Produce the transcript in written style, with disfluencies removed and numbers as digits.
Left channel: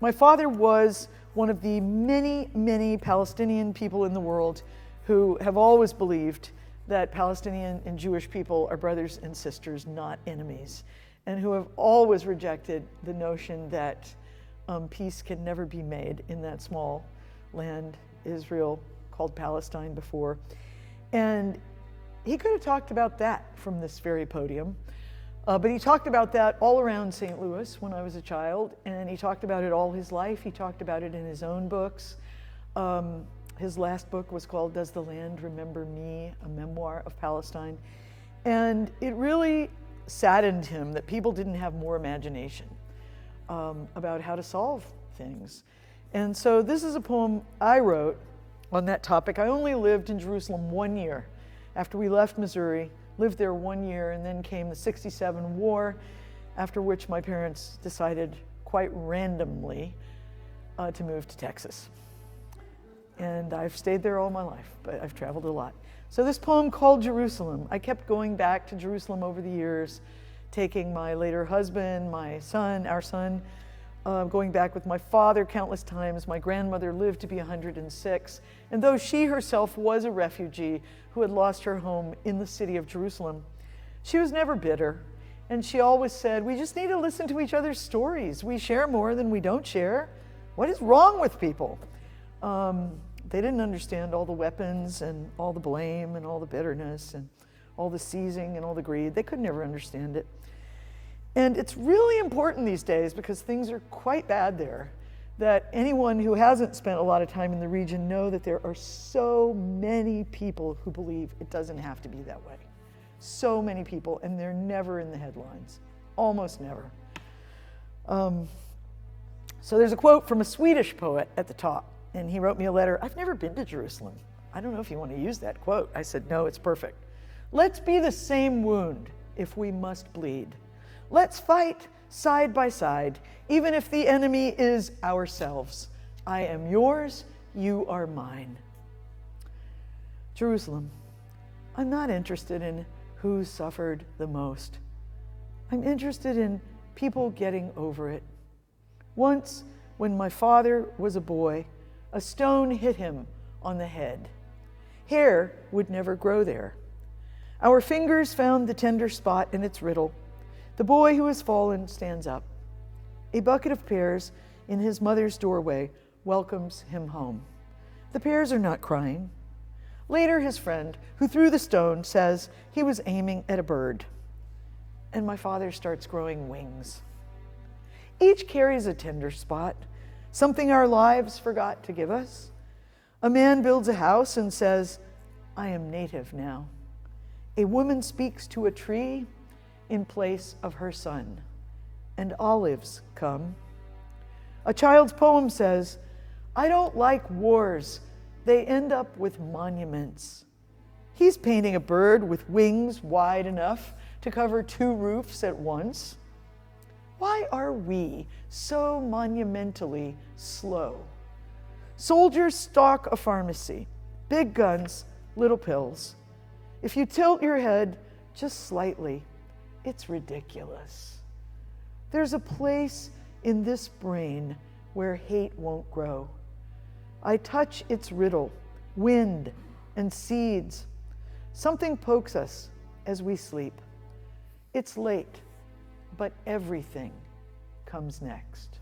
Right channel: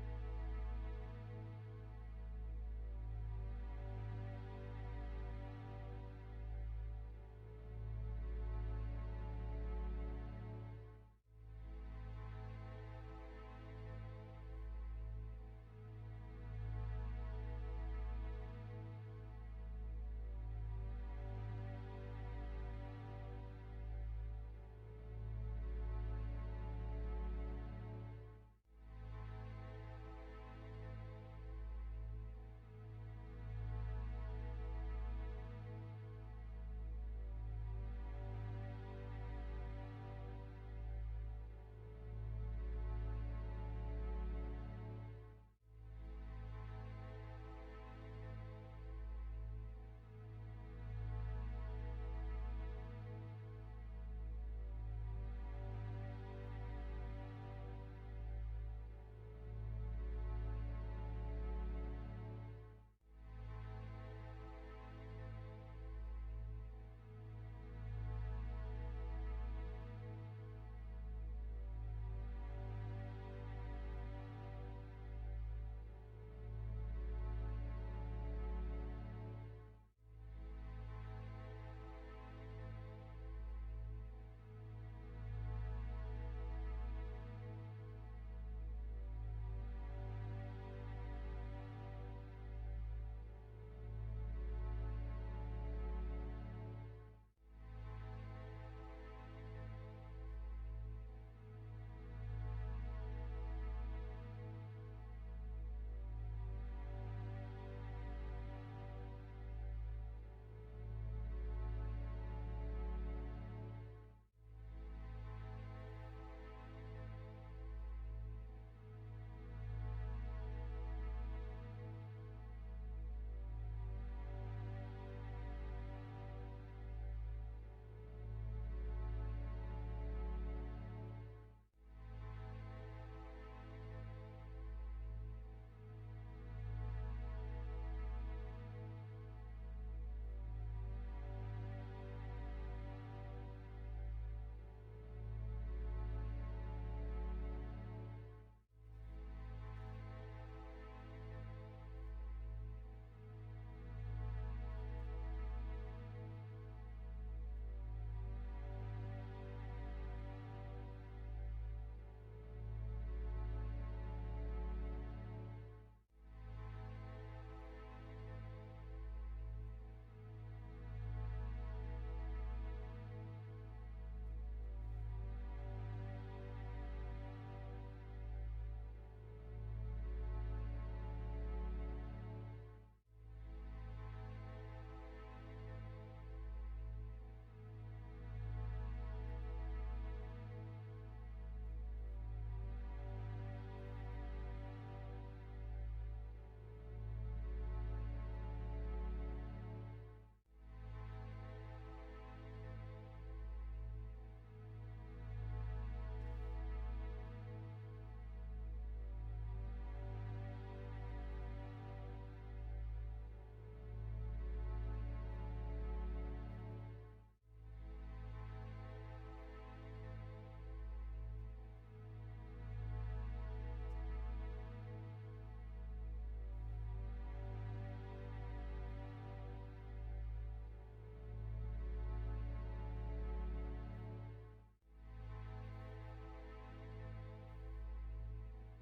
My father was one of the many, many Palestinian people in the world who have always believed that Palestinian and Jewish people are brothers and sisters, not enemies, and who have always rejected the notion that peace can never be made in that small land, Israel, called Palestine before. And he could have talked about that from this very podium, but he talked about that all around St. Louis when I was a child, and he talked about it all his life. He talked about it in his own books. His last book was called Does the Land Remember Me? A Memoir of Palestine. And it really saddened him that people didn't have more imagination about how to solve things. And so this is a poem I wrote on that topic. I only lived in Jerusalem 1 year. After we left Missouri, lived there 1 year, and then came the '67 war, after which my parents decided quite randomly to move to Texas. And I've stayed there all my life, but I've traveled a lot. So this poem called Jerusalem, I kept going back to Jerusalem over the years, taking my later husband, my son, our son, going back with my father countless times. My grandmother lived to be 106, and though she herself was a refugee who had lost her home in the city of Jerusalem, she was never bitter, and she always said, we just need to listen to each other's stories. We share more than we don't share. What is wrong with people? They didn't understand all the weapons and all the blame and all the bitterness and all the seizing and all the greed. They could never understand it. And it's really important these days, because things are quite bad there, that anyone who hasn't spent a lot of time in the region know that there are so many people who believe it doesn't have to be that way. So many people, and they're never in the headlines, almost never. So there's a quote from a Swedish poet at the top, and he wrote me a letter. I've never been to Jerusalem. I don't know if you want to use that quote. I said, no, it's perfect. Let's be the same wound if we must bleed. Let's fight side by side, even if the enemy is ourselves. I am yours, you are mine. Jerusalem, I'm not interested in who suffered the most. I'm interested in people getting over it. Once, when my father was a boy, a stone hit him on the head. Hair would never grow there. Our fingers found the tender spot in its riddle. The boy who has fallen stands up. A bucket of pears in his mother's doorway welcomes him home. The pears are not crying. Later, his friend, who threw the stone, says he was aiming at a bird. And my father starts growing wings. Each carries a tender spot, something our lives forgot to give us. A man builds a house and says, I am native now. A woman speaks to a tree in place of her son, and olives come. A child's poem says, I don't like wars. They end up with monuments. He's painting a bird with wings wide enough to cover 2 roofs at once. Why are we so monumentally slow? Soldiers stalk a pharmacy, big guns, little pills. If you tilt your head just slightly, it's ridiculous. There's a place in this brain where hate won't grow. I touch its riddle, wind and seeds. Something pokes us as we sleep. It's late, but everything comes next.